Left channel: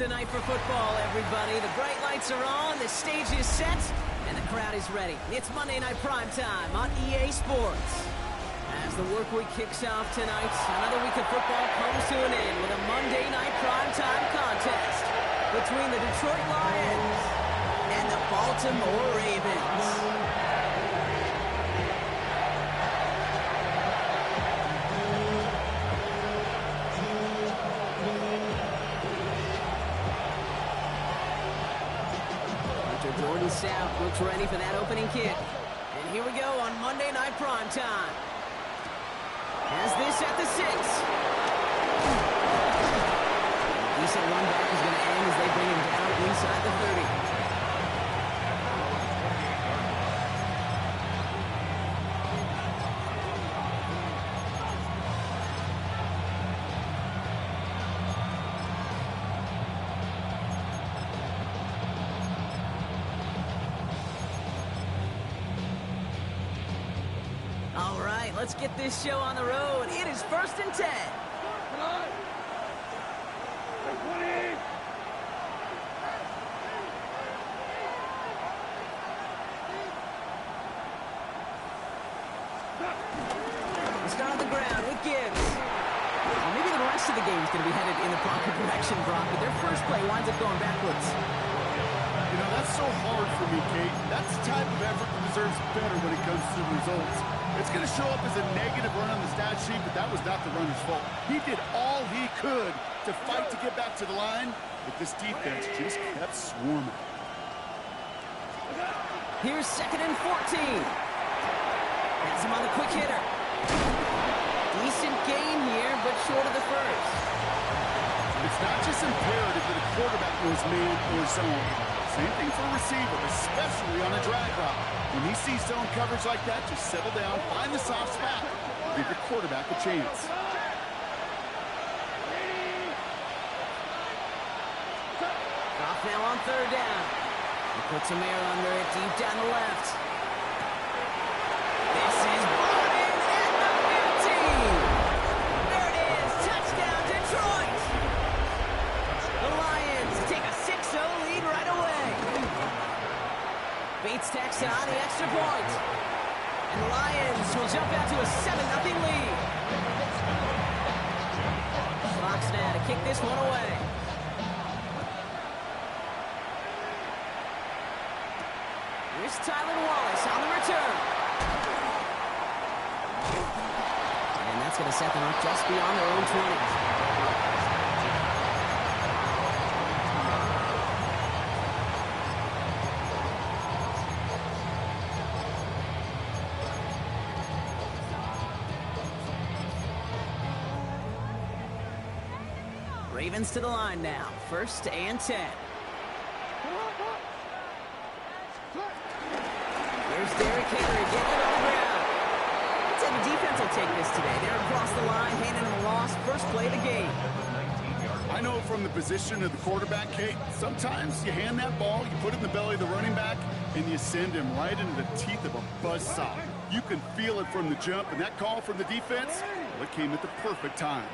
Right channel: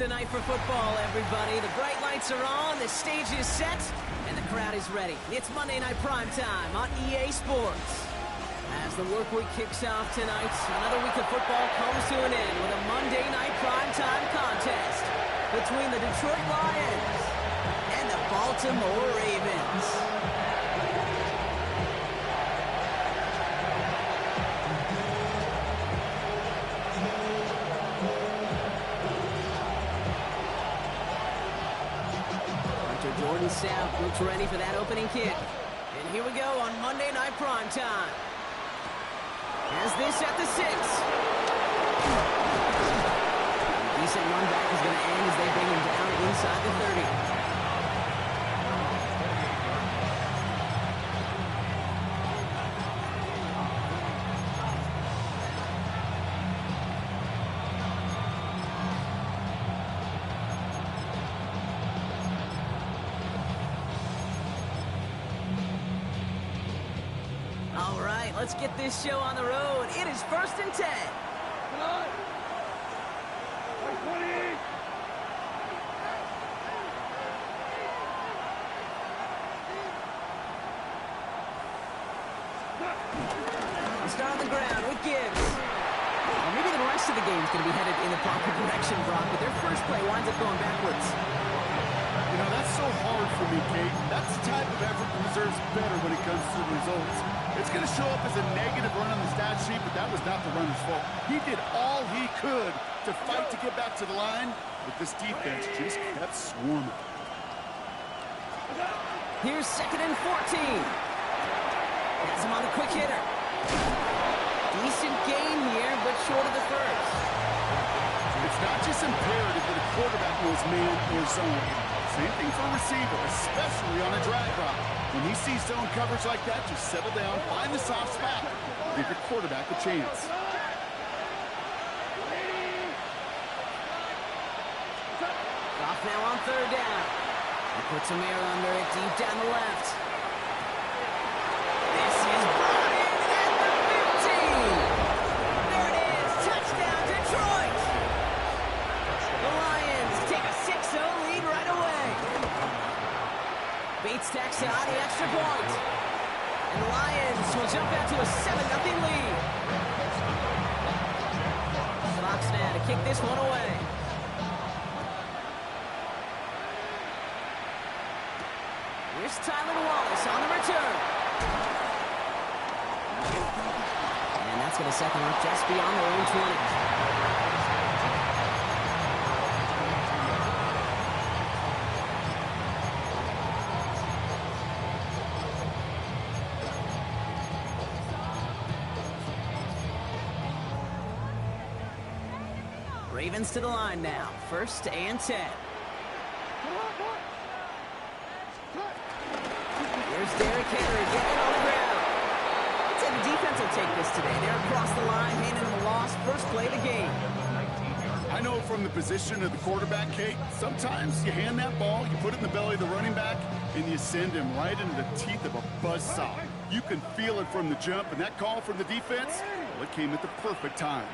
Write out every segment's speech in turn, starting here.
Tonight for football, everybody. The bright lights are on, the stage is set, and the crowd is ready. It's Monday Night Primetime on EA Sports. As the work week kicks off tonight, another week of football comes to an end with a Monday Night Primetime contest between the Detroit Lions and the Baltimore Ravens. Jordan South looks ready for that opening kick. And here we go on Monday Night Primetime. Has this at the 6. A decent run back is going to end as they bring him down inside the 30. All right, let's get this show on the road. It is 1st and 10. Come on. 20. We'll start on the ground with Gibbs. Well, maybe the rest of the game is going to be headed in the proper direction, Brock, but their first play winds up going backwards. You know, that's so hard for me, Kate. That's the type of effort that deserves better when it comes to the results. It's going to show up as a negative run on the stat sheet, but that was not the runner's fault. He did all he could to fight to get back to the line, but this defense just kept swarming. Here's 2nd and 14. Has him on the quick hitter. Decent gain here, but short of the first. It's not just imperative that a quarterback knows man or zone. Same thing for a receiver, especially on a drag route. When he sees zone coverage like that, just settle down, find the soft spot, give your quarterback a chance. Goff now on 3rd down. He puts some air under it deep down the left. This is brought in at the 15. There it is. Touchdown, Detroit. The Lions take a 6-0 lead right away. Bates tacks on the extra point. And the Lions will jump out to a 7-0 lead. Fox now to kick this one away. Here's Tyler Wallace on the return. And that's going to set them up just beyond their own 20. Ravens to the line now. 1st and 10. Here's Derrick Henry getting it on the ground. I'd say the defense will take this today. They're across the line, handing them a loss. First play of the game. I know from the position of the quarterback, Kate, sometimes you hand that ball, you put it in the belly of the running back, and you send him right into the teeth of a buzzsaw. You can feel it from the jump, and that call from the defense, well, it came at the perfect time.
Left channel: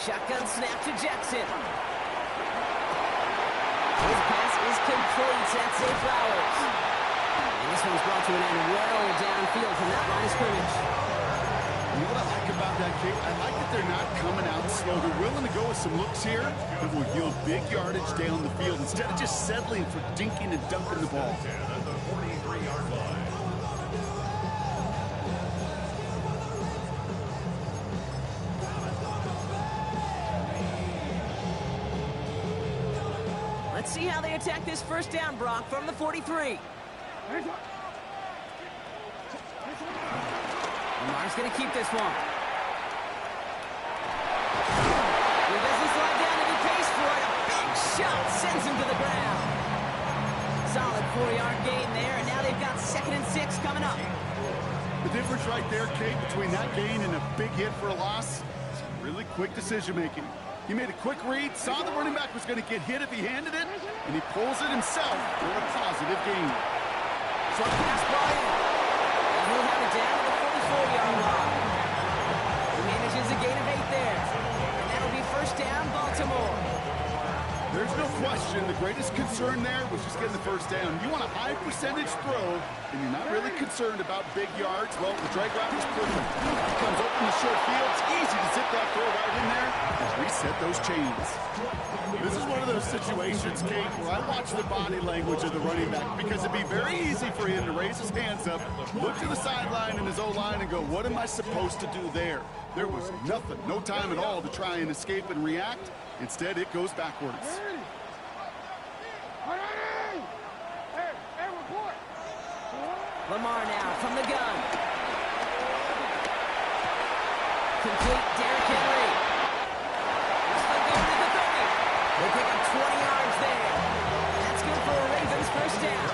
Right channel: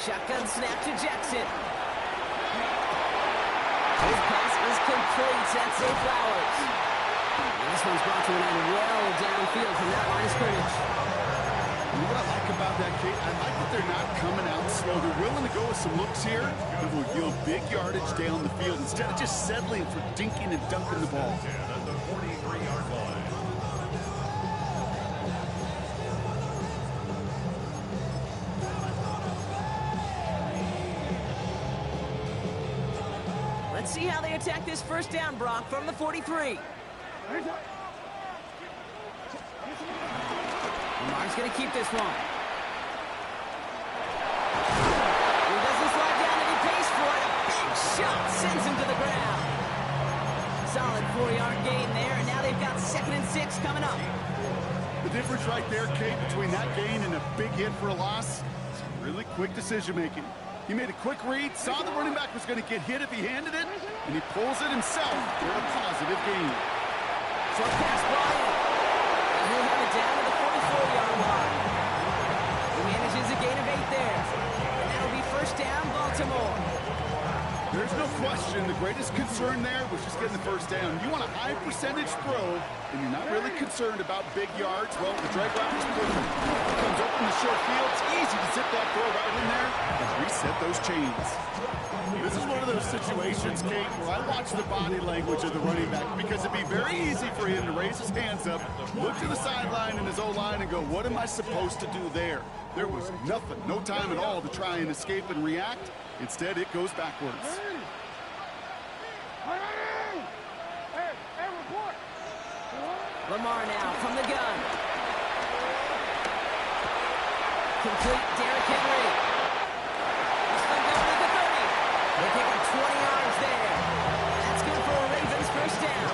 Shotgun snap to Jackson. His pass is complete. That's Zay Flowers. And this one's brought to an end well downfield from that line of scrimmage. You know what I like about that, Kate? I like that they're not coming out slow. They're willing to go with some looks here that will yield big yardage down the field instead of just settling for dinking and dunking the ball. At the 43-yard line. Let's see how they attack this first down, Brock, from the 43. Lamar's going to keep this one. He doesn't slide down and he pays for it. A big shot sends him to the ground. Solid 4-yard gain there, and now they've got 2nd and 6 coming up. The difference right there, Kate, between that gain and a big hit for a loss is really quick decision-making. He made a quick read, saw the running back was going to get hit if he handed it, and he pulls it himself for a positive gain. Short pass, Bryant. And he'll have it down to the 44-yard line. He manages a gain of 8 there. And that'll be first down, Baltimore. There's no question the greatest concern there was just getting the first down. You want a high percentage throw, and you're not really concerned about big yards. Well, the drag route is perfect. He comes open the short field. It's easy to zip that throw right in there and reset those chains. This is one of those situations, Kate, where I watch the body language of the running back because it'd be very easy for him to raise his hands up, look to the sideline in his O-line and go, what am I supposed to do there? There was nothing, no time at all to try and escape and react. Instead, it goes backwards. Lamar now from the gun. Complete, Derrick Henry. He's going to go to the 30. They pick up 20 yards there. That's good for a Ravens first down.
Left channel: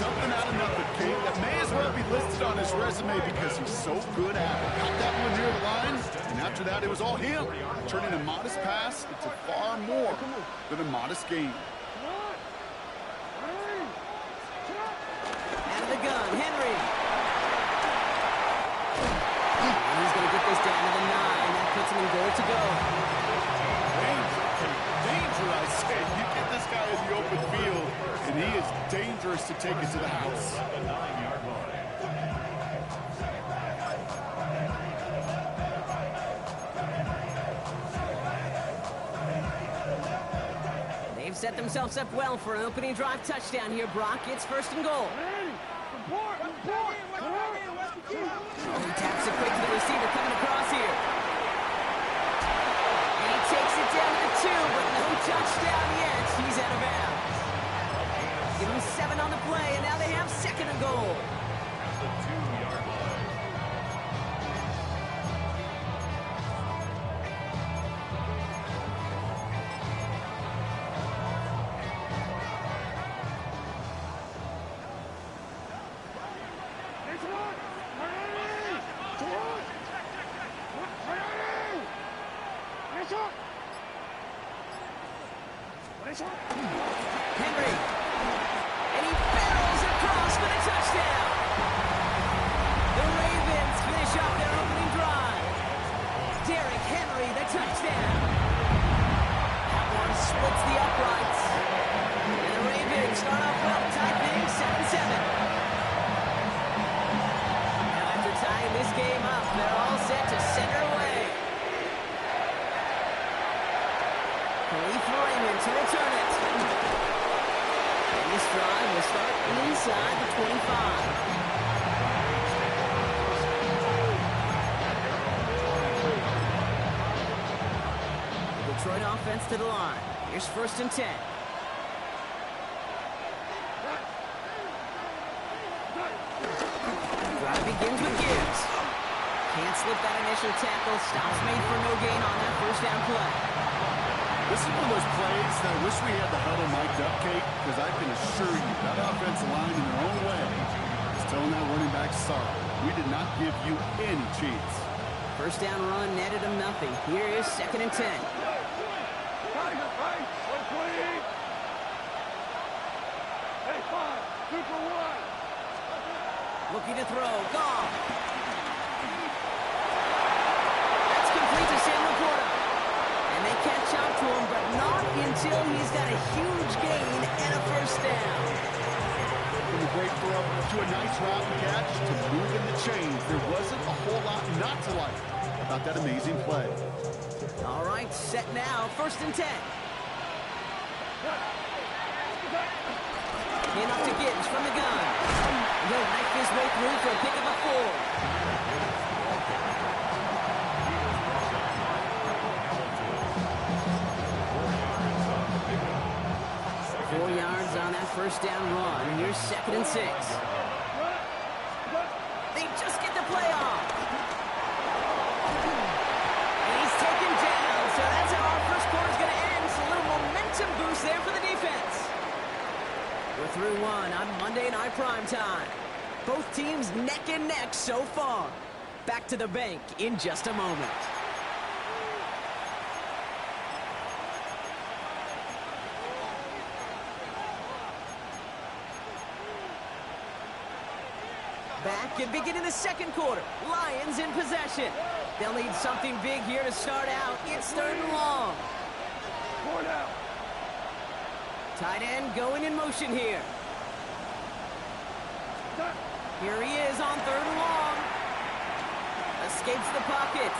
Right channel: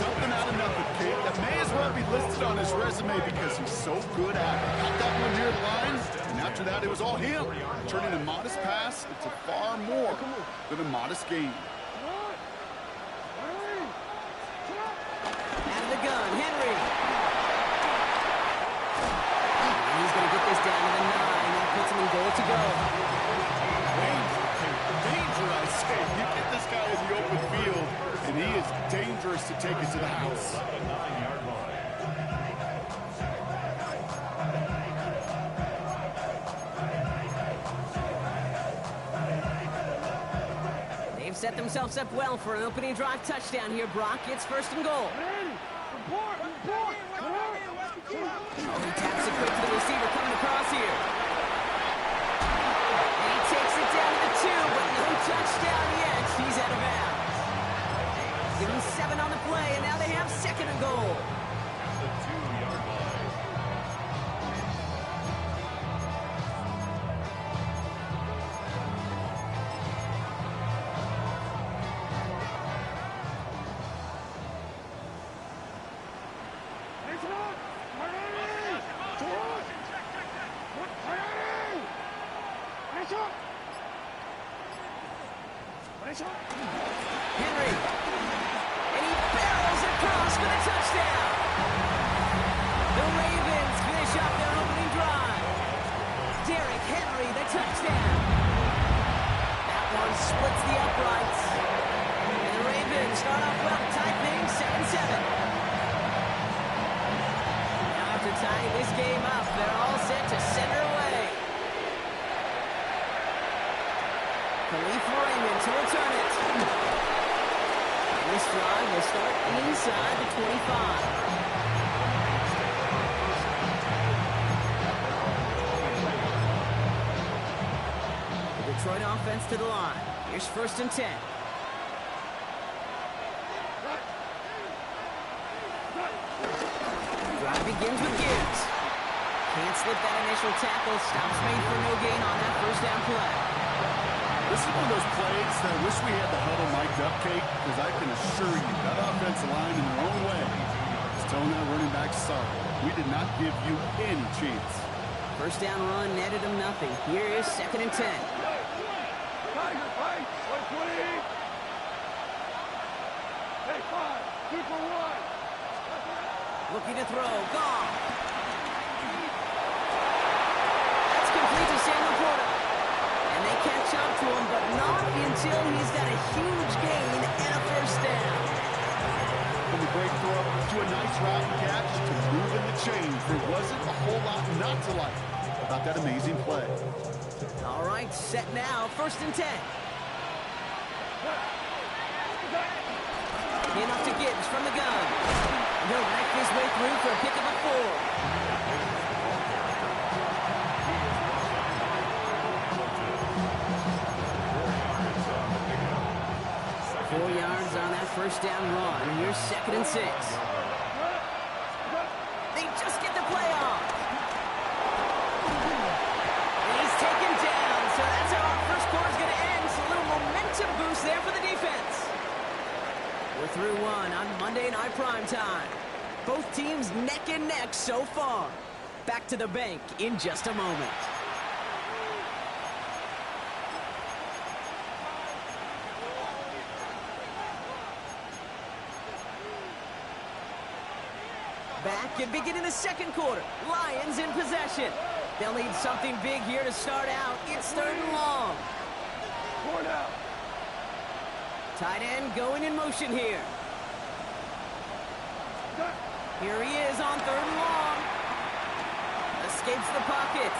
Something out of nothing, Kate. That may as well be listed on his resume because he's so good at it. Caught that one near the line, and after that, it was all him. Turning a modest pass into far more than a modest gain. Out of the gun, Henry. And he's going to get this down to the 9. That puts him in goal to go. Danger, Kate. Danger, I say. You get this guy in the open field, and he is dangerous to take it to the house. At the 9-yard line. They've set themselves up well for an opening drive touchdown here, Brock. It's first and goal. Oh, he taps it quick to the receiver coming across here. And he takes it down to the 2, but no touchdown yet. He's out of bounds. Give him 7 on the play, and now they have second and goal. At the 2-yard line. Henry. And he barrels across for the touchdown. The Ravens finish off their opening drive. Derrick Henry, the touchdown. That one splits the uprights. And the Ravens start off well, tie things 7-7. Now after tying this game up, they're all set to send her away. Khalif Raymond to return it. And this drive will start inside the 25. The Detroit offense to the line. Here's first and 10. Drive begins with Gibbs. Can't slip that initial tackle. Stops made for no gain on that first down play. This is one of those plays that I wish we had the huddle mic'd up, Kate, because I can assure you that offensive line in their own way is telling that running back, sorry, we did not give you any chance. First down run netted him nothing. Here is second and 10. Tiger fight, 120. Hey, 5, 2 for 1. Looking to throw, gone. That's complete to Samuel Porter. And they catch up to him, but not until he's got a huge gain and a first down. From a great throw to a nice route and catch to moving the chains, there wasn't a whole lot not to like about that amazing play. All right, set now, first and 10. In off to Gibbs from the gun. And he'll knife his way through for a pickup of 4. 4 yards on that first down run. Here's second and 6. They just get the play off. And he's taken down. So that's how our first quarter's going to end. So a little momentum boost there for the defense. We're through one on Monday Night Primetime. Both teams neck and neck so far. Back to the bank in just a moment. Back and beginning the second quarter. Lions in possession. They'll need something big here to start out. It's 3rd and long. 4 down. Tight end going in motion here. Here he is on 3rd and long. Escapes the pocket.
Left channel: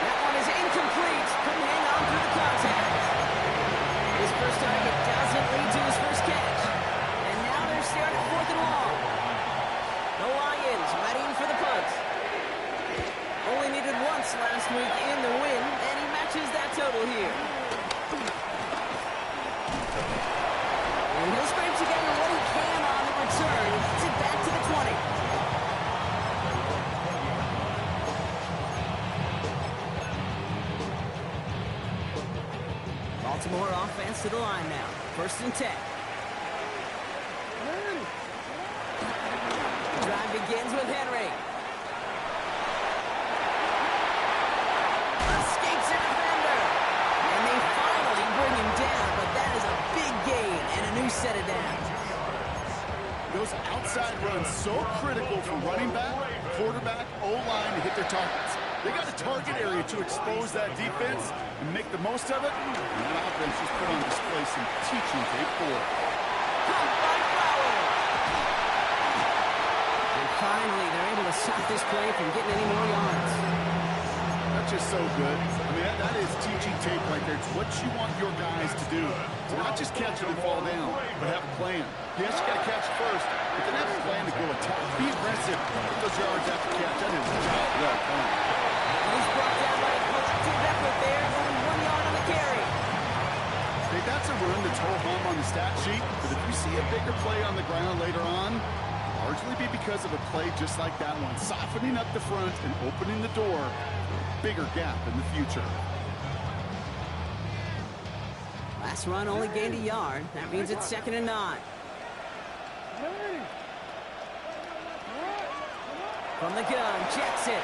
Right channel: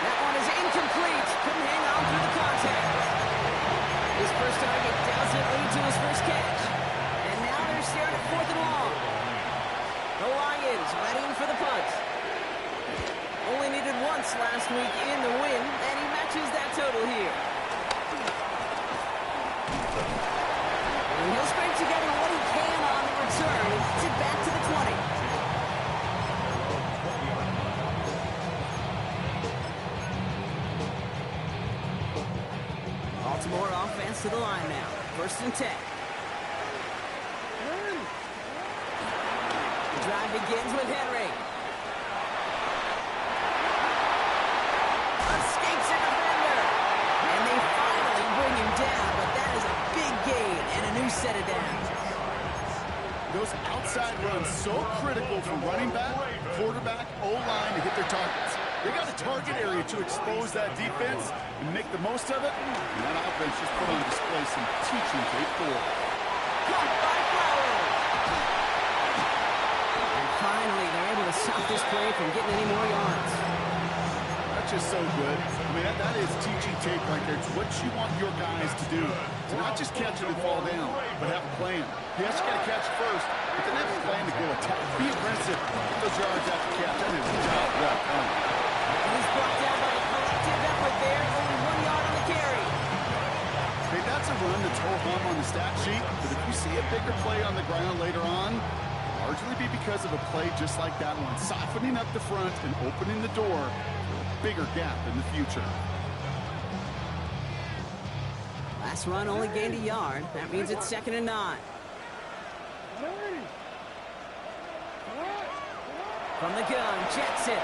That one is incomplete. Couldn't hang on through the contact. His first target doesn't lead to his first catch. And now they're staring at 4th and long. The Lions readying for the punt. Only needed once last week in the win, and he matches that total here. And he'll scrape together what he can on the return and gets it back to the 20. Baltimore offense to the line now. 1st and 10. The drive begins with Henry. Escapes a defender. And they finally bring him down, but that is a big gain and a new set of downs. Those outside runs so critical for running back, quarterback, O-line to hit their targets. They got a target area to expose that defense and make the most of it. And that offense just put on display some teaching tape for it. Caught by Flowers. And finally, they're able to stop this play from getting any more yards. That's just so good. I mean, that is teaching tape right there. It's what you want your guys to do. To not just catch it and fall down, but have a plan. Yes, you got to catch it first, but then have a plan to go attack. Be aggressive. Get those yards after catch. That is a job well done. And he's brought down by a collective effort there. Only 1 yard on the carry. Hey, that's a run that's ho-hum on the stat sheet, but if you see a bigger play on the ground later on, largely be because of a play just like that one, softening up the front and opening the door for a bigger gap in the future. Last run only gained a yard. That means it's 2nd and 9. From the gun, Jackson.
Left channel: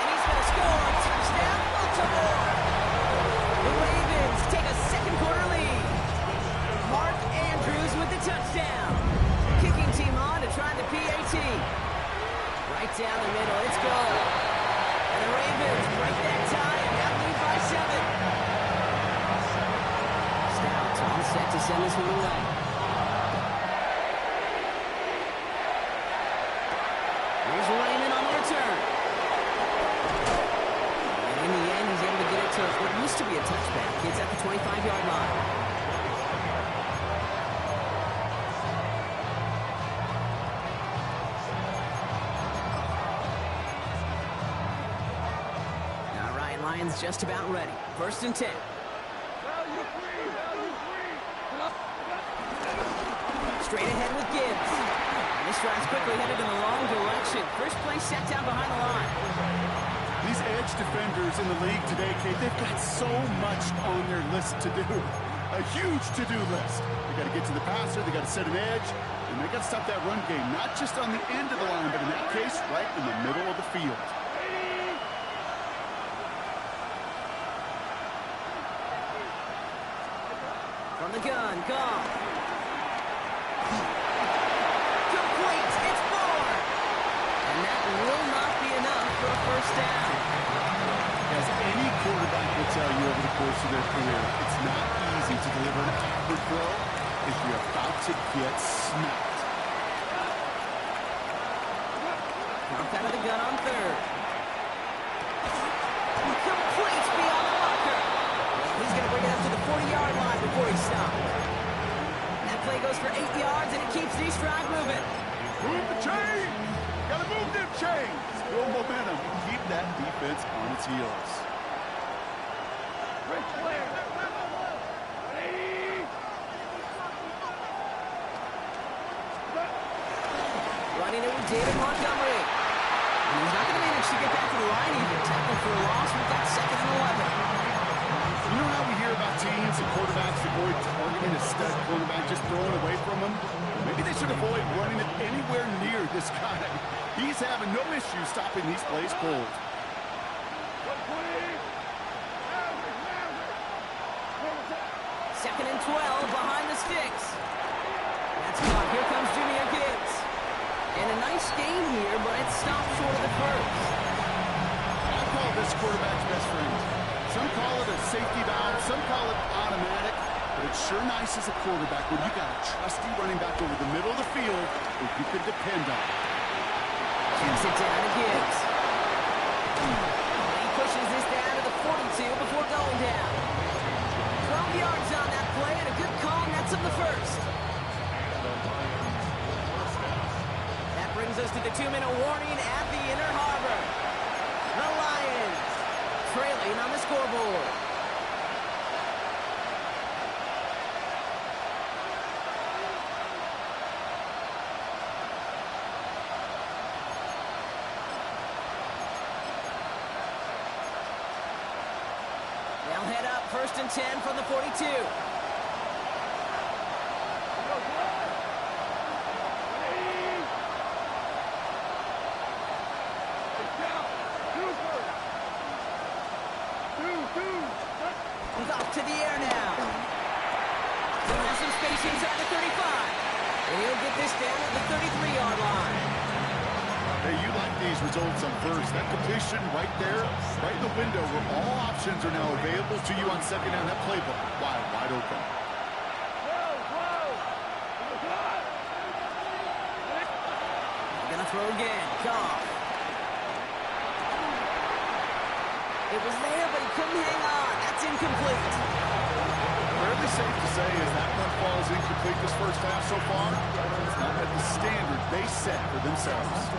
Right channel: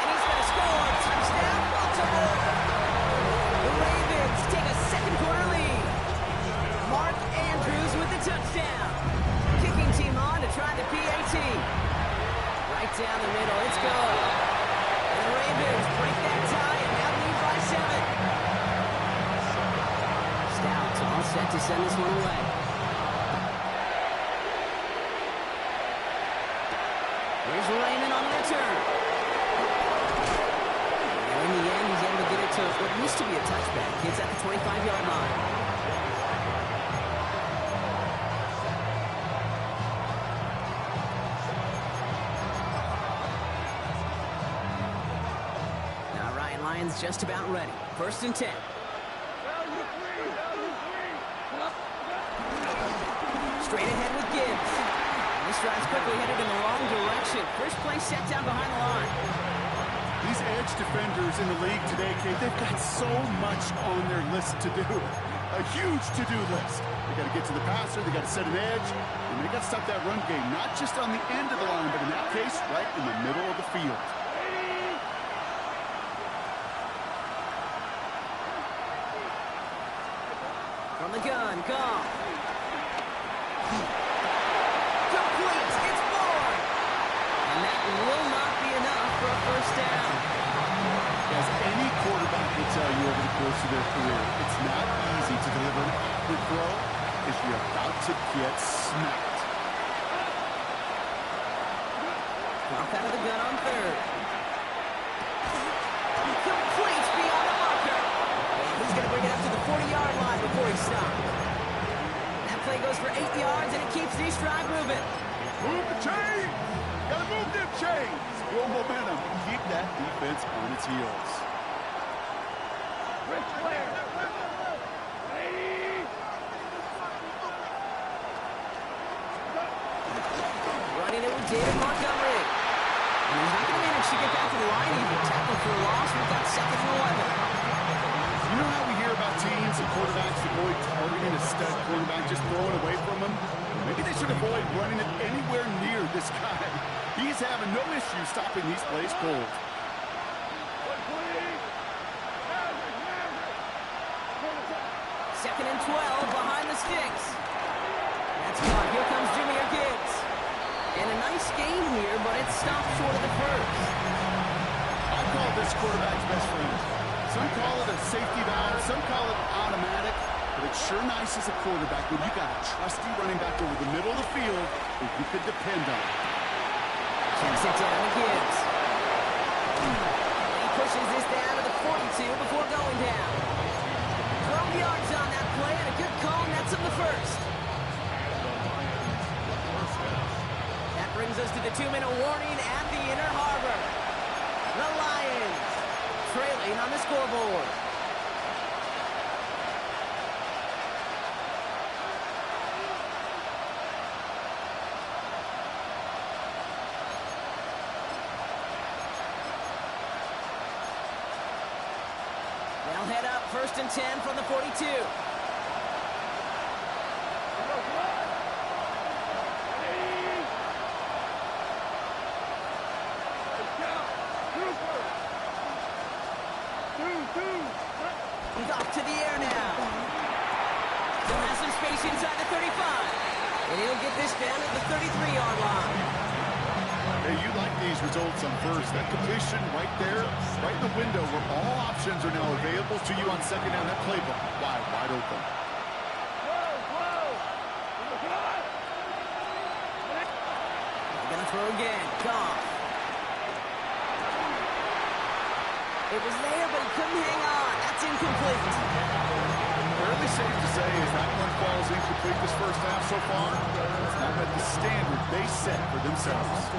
And he's going to score. Touchdown, Baltimore. The Ravens take a 2nd quarter lead. Mark Andrews with the touchdown. Kicking team on to try the PAT. Right down the middle, it's good. And the Ravens break that tie and now lead by 7. Stout all set to send this one away. Here's Raymond on the return. And in the end, he's able to get it to what used to be a touchback. It's at the 25-yard line. Lions just about ready. 1st and 10. Straight ahead with Gibbs. And this drive's quickly headed in the wrong direction. First play set down behind the line. These edge defenders in the league today, Kate, they've got so much on their list to do. A huge to-do list. They got to get to the passer, they got to set an edge, and they got to stop that run game, not just on the end of the line, but in that case, right in the middle of the field. From the gun, Goff. Complete, it's 4. And that will not be enough for a 1st down. As any quarterback will tell you over the course of their career, it's not easy to deliver an accurate throw if you're about to get smacked. Goff out of the gun on 3rd. Complete beyond the marker. He's going to bring it up to the 40-yard line before he stops. That play goes for 8 yards, and it keeps this drive moving. Move the chains! Gotta move them chains! Build momentum and keep that defense on its heels. Rich Flair. 180. Running it with David Montgomery. And he's not going to manage to get back to the line even. Tackle for a loss. We've got 2nd and 11. You know how we hear about teams and quarterbacks avoid targeting a stud quarterback, just throwing away from him? Maybe they should avoid running it anywhere near this guy. He's having no issue stopping these plays cold. 120. Maverick. 2nd and 12 behind the sticks. That hot spot. Here comes Jahmyr Gibbs. And a nice gain here, but it stopped short of the first. I call this quarterback's best friend. Some call it a safety valve, some call it automatic, but it's sure nice as a quarterback when you got a trusty running back over the middle of the field that you can depend on. Checks it down to Gibbs. He pushes this down to the 42 before going down. 12 yards on that play, and a good call nets him the first. That brings us to the 2-minute warning at the Inner Harbor. The Lions trailing on the scoreboard. They'll head up 1st and 10 from the 42. He's off to the air now. Still has some space inside the 35. And he'll get this down at the 33-yard line. Hey, you like these results on first. That completion right there, right in the window where all options are now available to you on second down. That playbook wide open. They're going to throw again. Goff. It was there, but he couldn't hang on. That's incomplete. Fairly safe to say as that one falls incomplete this first half so far, it's not met the standard they set for themselves.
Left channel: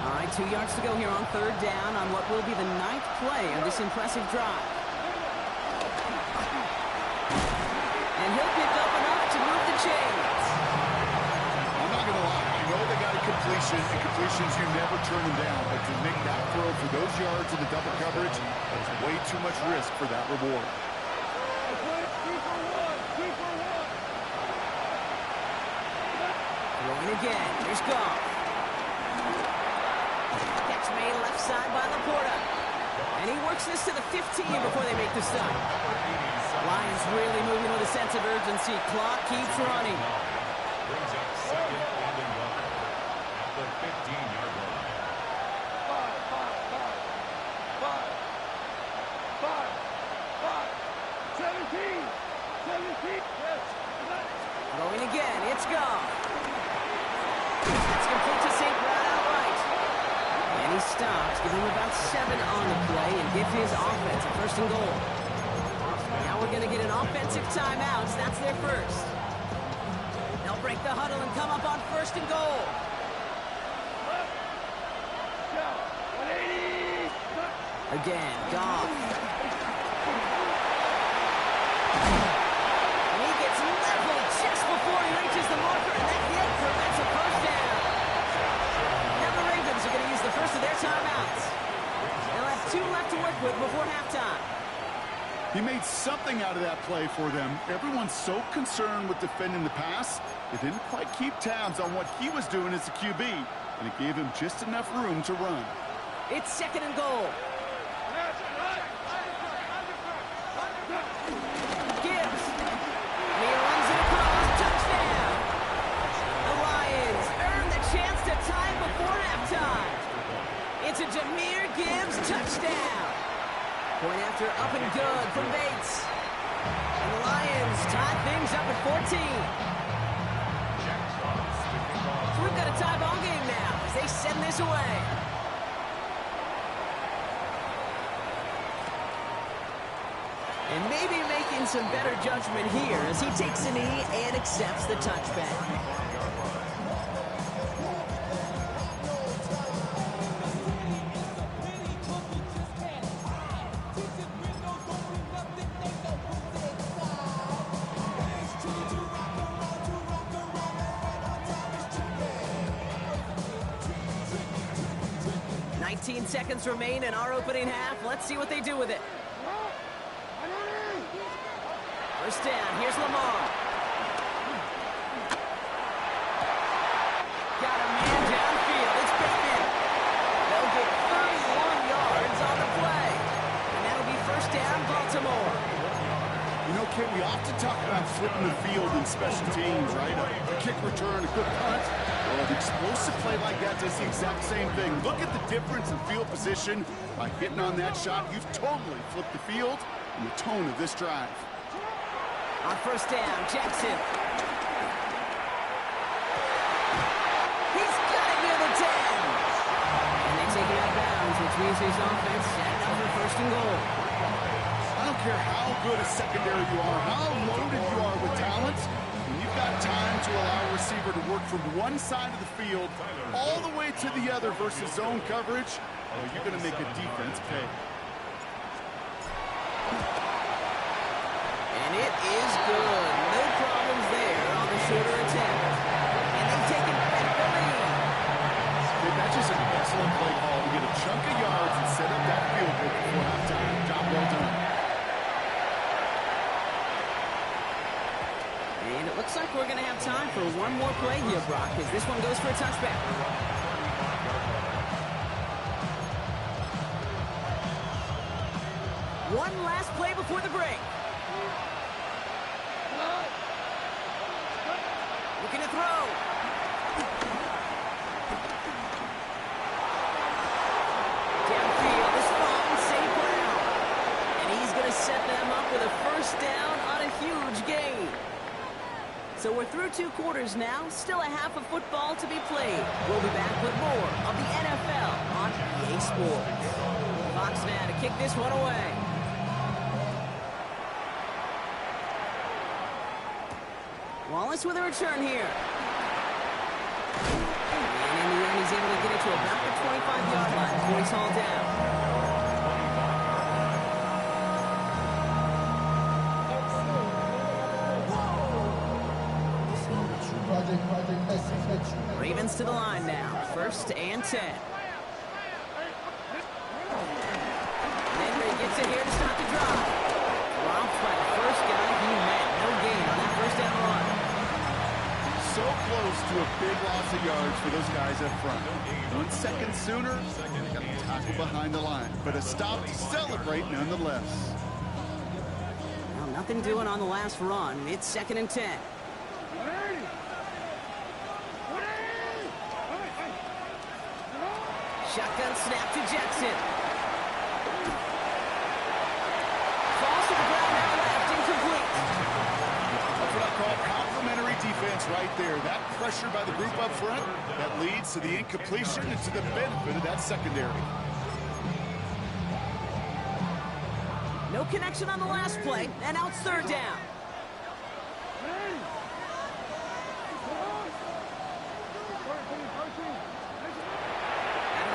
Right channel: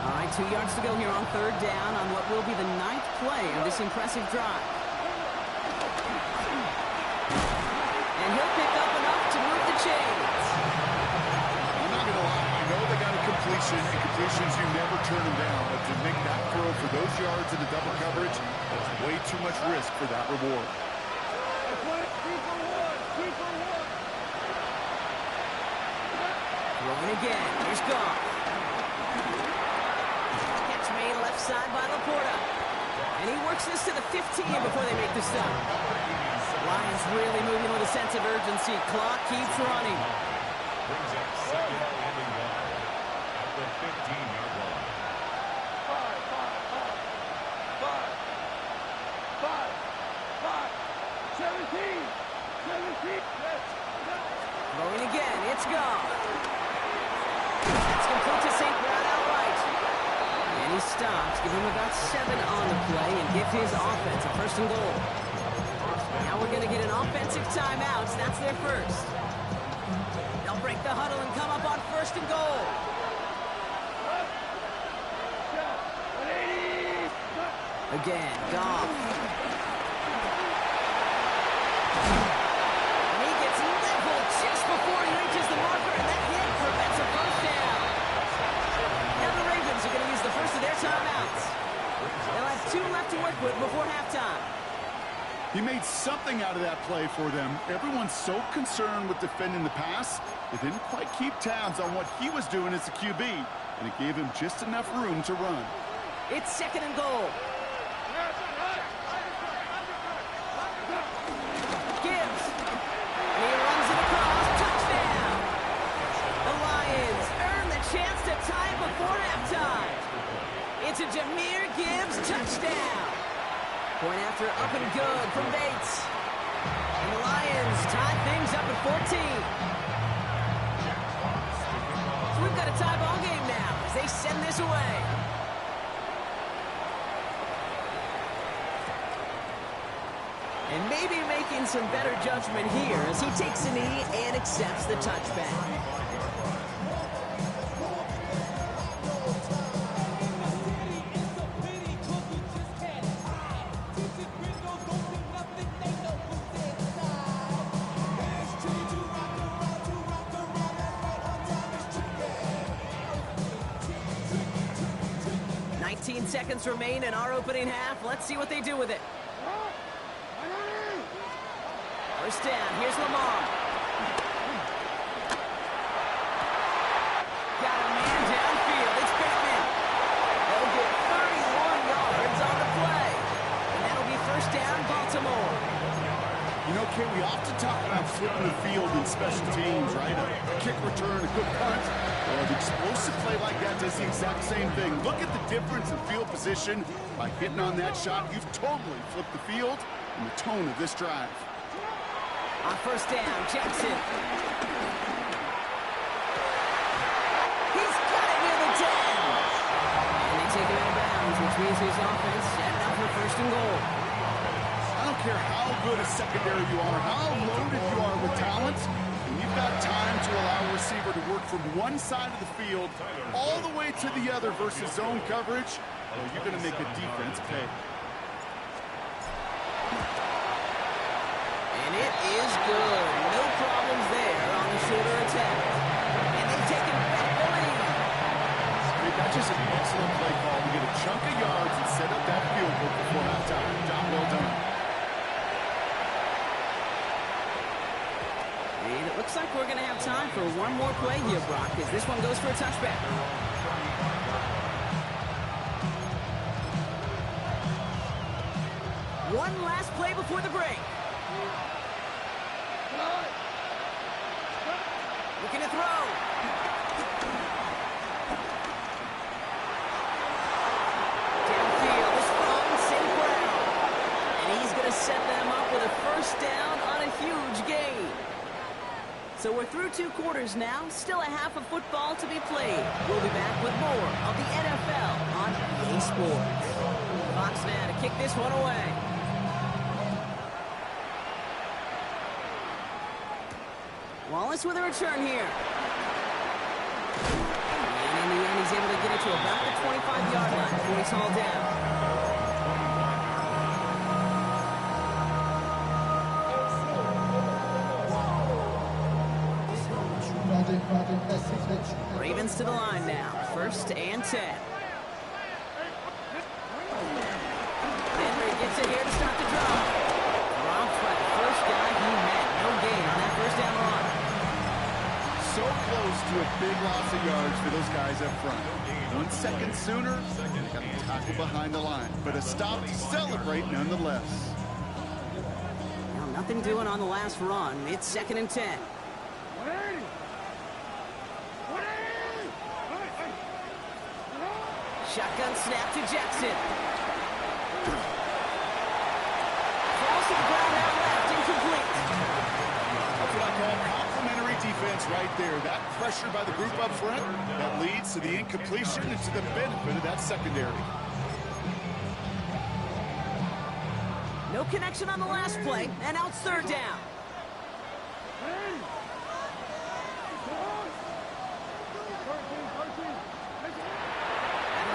All right, 2 yards to go here on 3rd down on what will be the 9th play of this impressive drive. And he'll pick up enough to move the chains. I'm not going to lie. I know they got a completion, and completions, you never turn them down. But to make that throw for those yards in the double coverage, that's way too much risk for that reward. Throwing again. Here's Goff. Catch made left side by Laporta. And he works this to the 15 before they make the stop. Lions really moving with a sense of urgency. Clock keeps running. Brings up 2nd and a yard at the 15-yard line. 17. Throwing again. It's Goff. That's complete to St. Brown outright. And he stops. Give him about 7 on the play and give his offense a 1st and goal. Now we're going to get an offensive timeout. That's their first. They'll break the huddle and come up on 1st and goal. Again, Goff. And he gets leveled just before he reaches the marker, and that hit prevents a 1st down. Now the Ravens are going to use the first of their timeouts. They'll have 2 left to work with before halftime. He made something out of that play for them. Everyone's so concerned with defending the pass, they didn't quite keep tabs on what he was doing as a QB, and it gave him just enough room to run. It's 2nd and goal. Gibbs. And he runs it across. Touchdown. The Lions earn the chance to tie before halftime. It's a Jahmyr Gibbs touchdown. Point after up and good from Bates. And the Lions tie things up at 14. So we've got a tie ball game now as they send this away. And maybe making some better judgment here as he takes a knee and accepts the touchback. Seconds remain in our opening half. Let's see what they do with it. 1st down. Here's Lamar. Got a man downfield. It's Bateman. They'll get 31 yards on the play. And that'll be 1st down, Baltimore. You know, Kate, we often talk about flipping the field in special teams, right? A kick return, a good punt. Well, an explosive play like that does the exact same thing. Look at the difference in field position. By hitting on that shot, you've totally flipped the field and the tone of this drive. On first down, Jackson. He's got it near the 10. And they take him out of bounds, which means his offense setting up for first and goal. I don't care how good a secondary you are, how loaded you are with talent, and you've got time to allow a receiver to work from one side of the field all the way to the other versus zone coverage, well, you're going to make a defense pay. And it is good. No problems there on the shorter attempt. And they take him back the lead. That's just an excellent play call to get a chunk of yards and set up that field goal before halftime. Job well done. And it looks like we're going to have time for one more play here, Brock, as this one goes for a touchback. One last play before the break. Looking to throw. Downfield, this fine, St. Brown. And he's going to set them up with a first down on a huge gain. So we're through 2 quarters now. Still a half of football to be played. We'll be back with more of the NFL on EA Sports. Fox now to kick this one away. Wallace with a return here. And in the end, he's able to get it to about the 25-yard line before he's hauled down. Ravens to the line now. First and 10. Henry gets it here to start the drive. Dropped by the first guy he met. No gain on that first down run. So close to a big loss of yards for those guys up front. 1 second sooner, they got the tackle behind the line. But a stop to celebrate nonetheless. Now nothing doing on the last run. It's 2nd and 10. Shotgun snap to Jackson. Falls to the ground out left, incomplete. That's what I call complimentary defense right there. That pressure by the group up front, that leads to the incompletion and to the benefit of that secondary. No connection on the last play, and now it's 3rd down.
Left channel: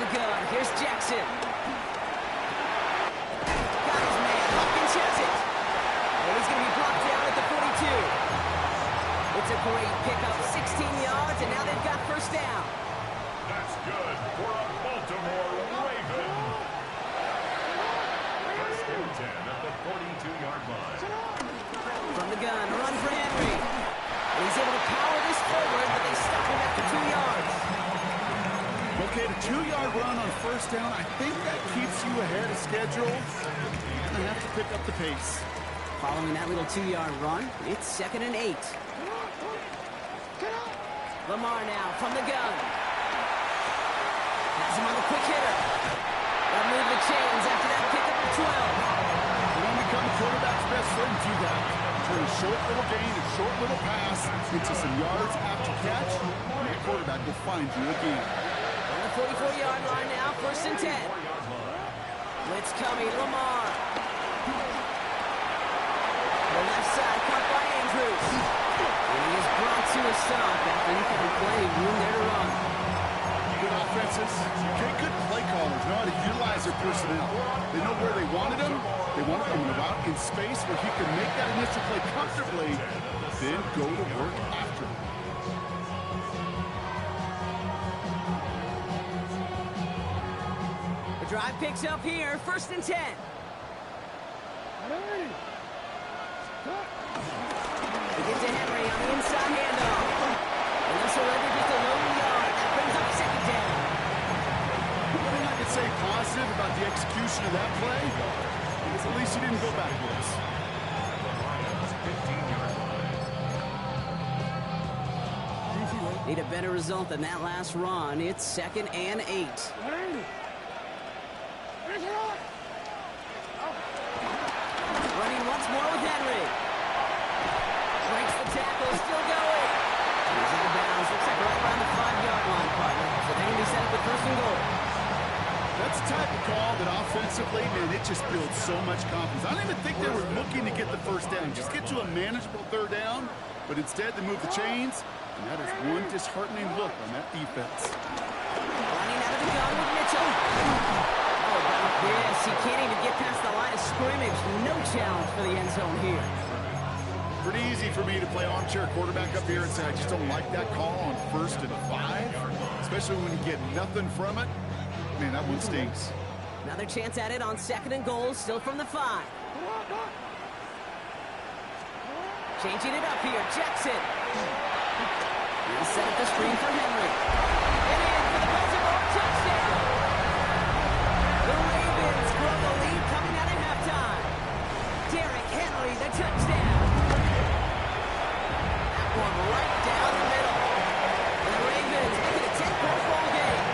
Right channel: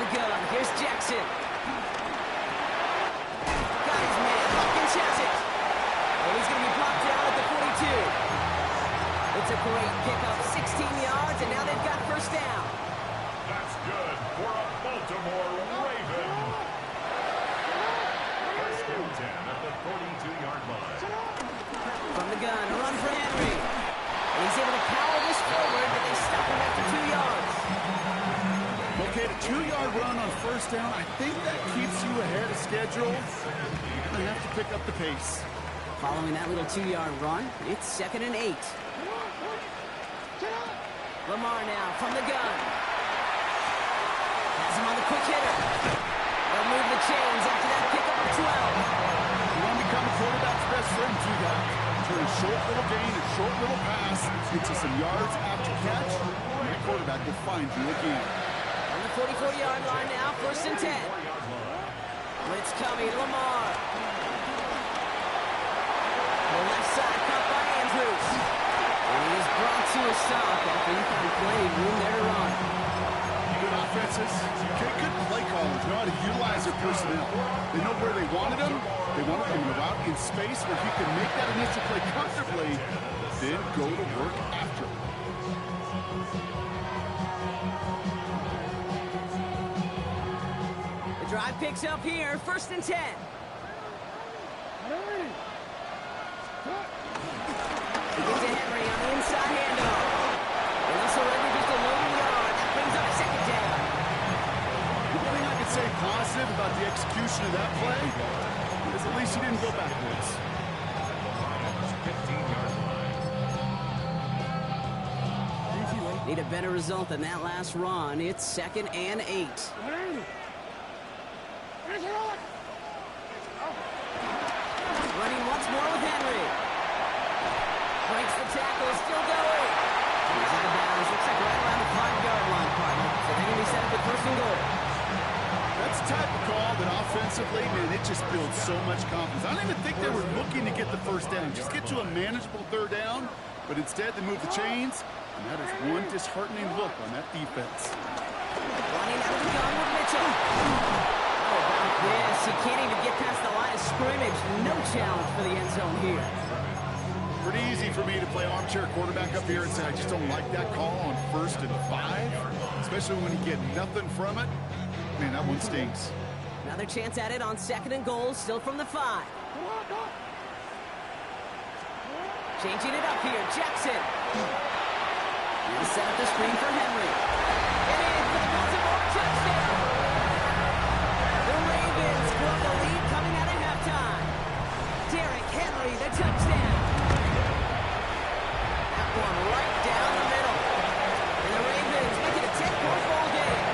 Gun. Here's Jackson. Got his man. Hopkins has it. And he's going to be blocked down at the 42. It's a great pickup. 16 yards, and now they've got first down. That's good for a Baltimore Raven. First and 10 at the 42-yard line. From the gun, a run for Henry. And he's able to power this forward, but they stop him after 2 yards. Okay, the 2-yard run on first down, I think that keeps you ahead of schedule. You're going to have to pick up the pace. Following that little 2-yard run, it's 2nd and 8. Lamar now from the gun. Has him on the quick hitter. They'll move the chains after that pickup of 12. You want to become a quarterback's best friend, do that. Turn a short little gain, a short little pass into some yards after catch, and that quarterback will find you again. On the 44-yard line now, 1st and 10. Blitz coming, Lamar. The left side caught by Andrews. And he is brought to a stop after he found plenty of room there to run. Good offenses, good play callers know how to utilize their personnel. They know where they wanted him. They wanted him in a route in space where he could make that initial play comfortably, then go to work after him. Drive picks up here, 1st and 10. They get to Henry on the inside handoff. And they'll surrender just a lone yard. That brings up 2nd down. The one thing I could say positive about the execution of that play is at least he didn't go backwards. Need a better result than that last run. It's 2nd and 8. Running once more with Henry. Breaks the tackle, still going. He's out of bounds. Looks like right around the 5-yard line, partner. So they're going to be set up with 1st and goal. That's the type of call that offensively, man, it just builds so much confidence. I don't even think they were looking to get the 1st down. Just get to a manageable 3rd down. But instead, they move the chains. And that is one disheartening look on that defense. Running out of the gun with Mitchell. How about this? He can't even get past the line of scrimmage. No challenge for the end zone here. Pretty easy for me to play armchair quarterback up here and say I just don't like that call on 1st and 5. Especially when you get nothing from it. Man, that one stings. Another chance at it on 2nd and goal, still from the 5. Changing it up here, Jackson. He'll set up the screen for Henry. And in for the Baltimore touchdown. The Ravens grow the lead coming out at halftime. Derrick Henry, the touchdown. That one right down the middle. And the Ravens make it a 10-point ball game.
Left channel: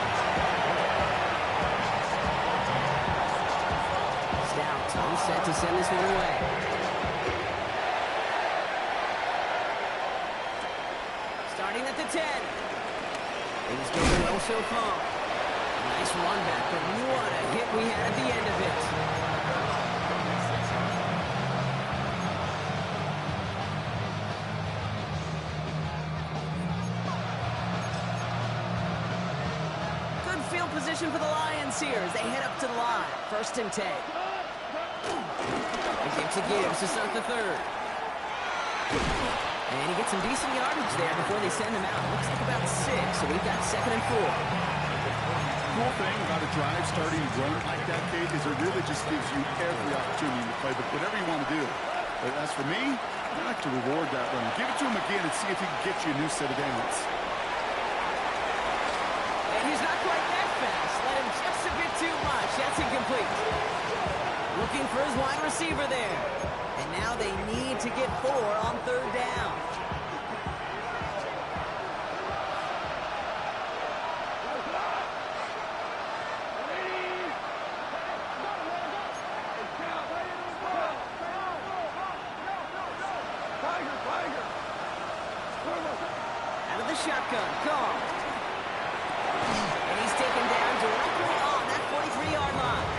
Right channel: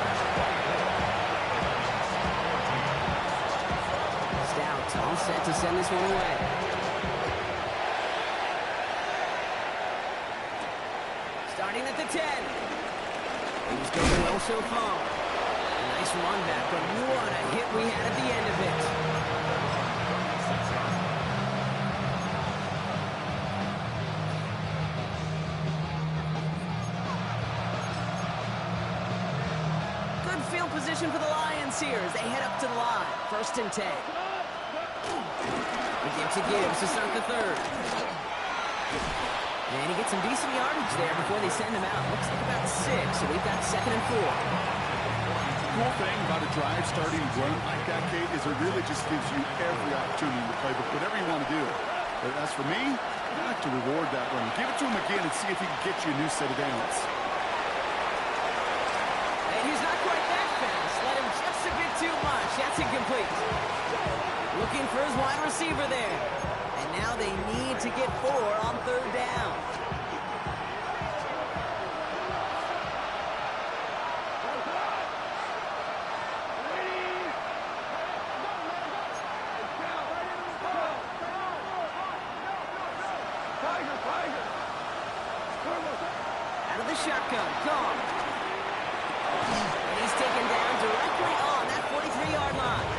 Stout all set to send this one away. Starting at the 10. Things going well so far. A nice run back, but what a hit we had at the end of it. Good field position for the Lions here as they head up to the line. 1st and 10. The give to Gibbs to start the 3rd. And he gets some decent yardage there before they send him out. Looks like about 6, so we've got 2nd and 4. Cool thing about a drive starting run like that, Kate, is it really just gives you every opportunity in the playbook, whatever you want to do. But as for me, I like to reward that run. Give it to him again and see if he can get you a new set of downs. And he's not quite that fast. Let him just a bit too much. That's incomplete. Looking for his wide receiver there. And now they need to get 4 on 3rd down. Out of the shotgun, gone. And he's taken down directly on that 43-yard line.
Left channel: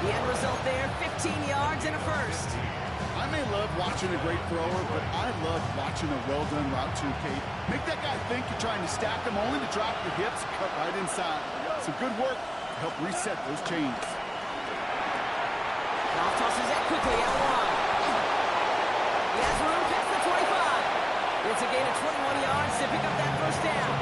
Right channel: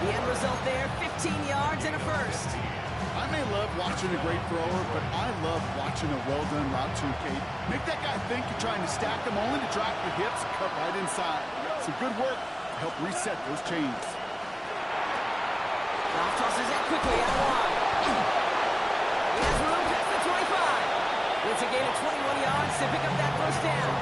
The end result there, 15 yards and a 1st. I may love watching a great thrower, but I love watching a well-done route too, Kate. Make that guy think you're trying to stack him only to drop your hips, cut right inside. Some good work to help reset those chains. Goff tosses that quickly out wide. He has room past the 25. It's a gain of 21 yards to pick up that 1st down.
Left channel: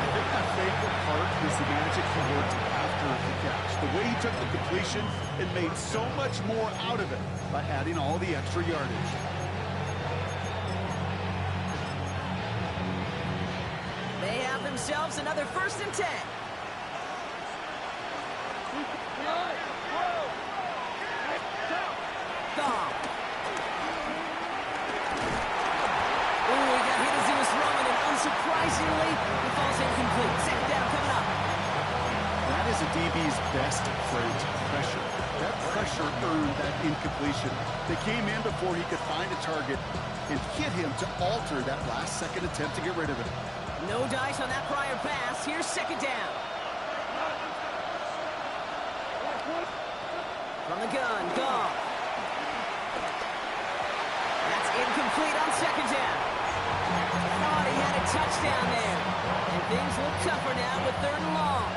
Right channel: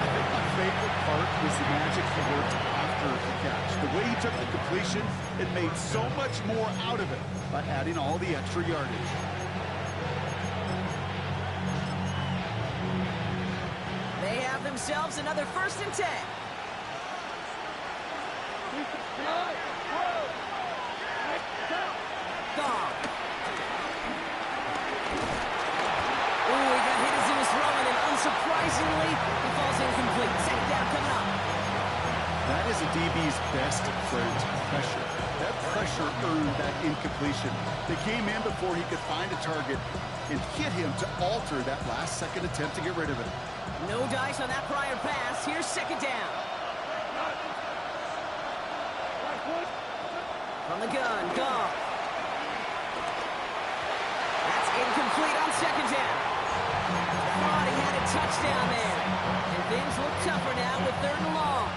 I think my favorite part was the magic he worked after the catch. The way he took the completion and made so much more out of it by adding all the extra yardage. They have themselves another 1st and 10. Goff. Ooh, he got hit as he was throwing, and unsurprisingly, he falls incomplete. 2nd down coming up. That is a DB's best trait, pressure. That pressure earned that incompletion. They came in before he could find a target and hit him to alter that last-second attempt to get rid of it. No dice on that prior pass. Here's 2nd down. From the gun, Goff. That's incomplete on 2nd down. Thought he had a touchdown there. And things look tougher now with 3rd and long.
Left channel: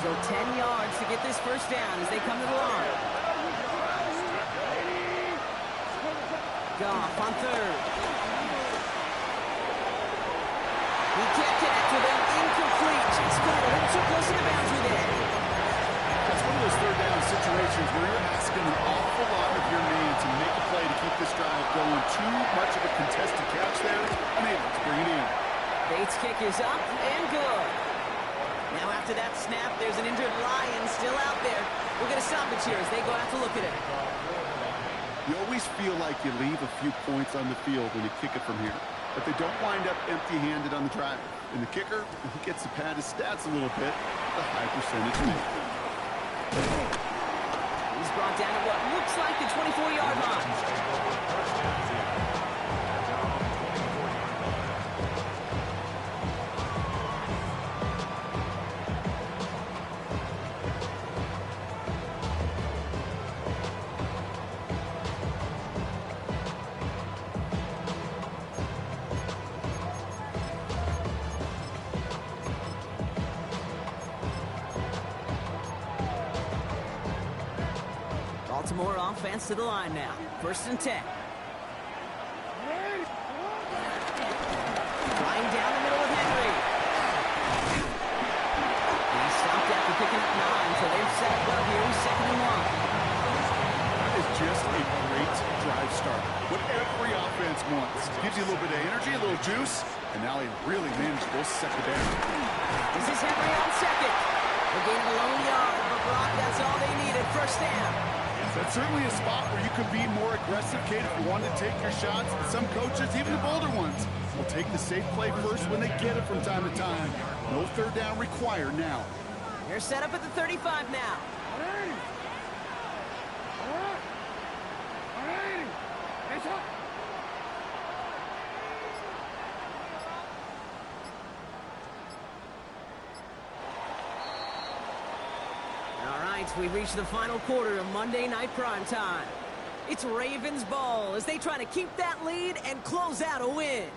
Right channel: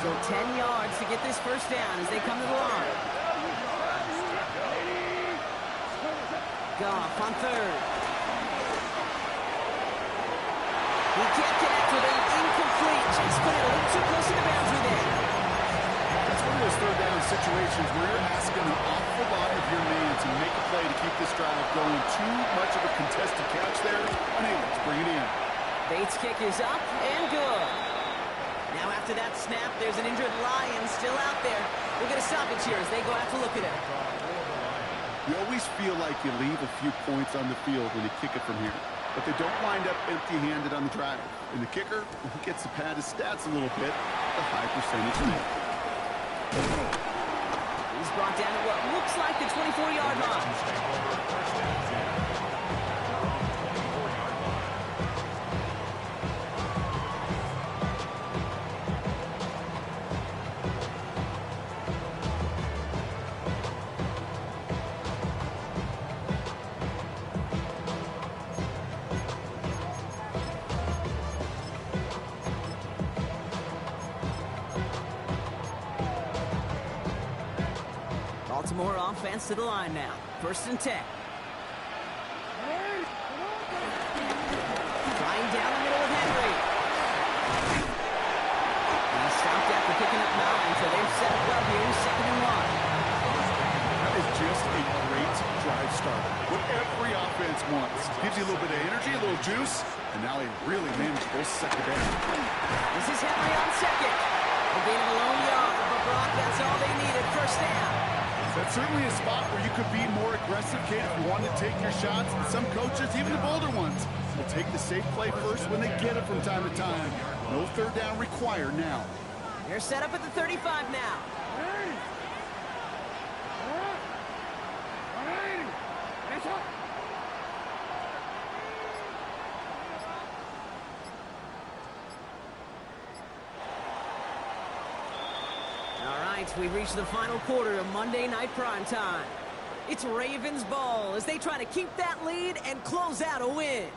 Still 10 yards to get this 1st down as they come to the line. Goff on 3rd. He can't connect with him. Incomplete. Just put it a little too close to the boundary there. That's one of those 3rd down situations where you're asking an awful lot of your man to make a play to keep this drive going. Too much of a contested catch there. Unable to bring it in. Bates' kick is up and good. Now after that snap, there's an injured Lion still out there. We'll get a stoppage here as they go out to look at it. You always feel like you leave a few points on the field when you kick it from here. but they don't wind up empty-handed on the drive. And the kicker, he gets to pad his stats a little bit, the high percentage make. He's brought down at what looks like the 24-yard line. First down 10. At their own 24-yard line. Baltimore offense to the line now. 1st and 10. Flying down the middle with Henry. And he stopped after picking up 9, so they've set up well here. 2nd and 1. That is just a great drive starter. What every offense wants. Gives you a little bit of energy, a little juice, and now a really manageable 2nd down. This is Henry on 2nd. A gain of a lone yard, but Brock, that's all they needed. 1st down. That's certainly a spot where you could be more aggressive, Kate, if you wanted to take your shots. And some coaches, even the bolder ones, will take the safe play first when they get it from time to time. No 3rd down required now. They're set up at the 35 now. All right, we've reached the final quarter of Monday Night Primetime. It's Ravens ball as they try to keep that lead and close out a win.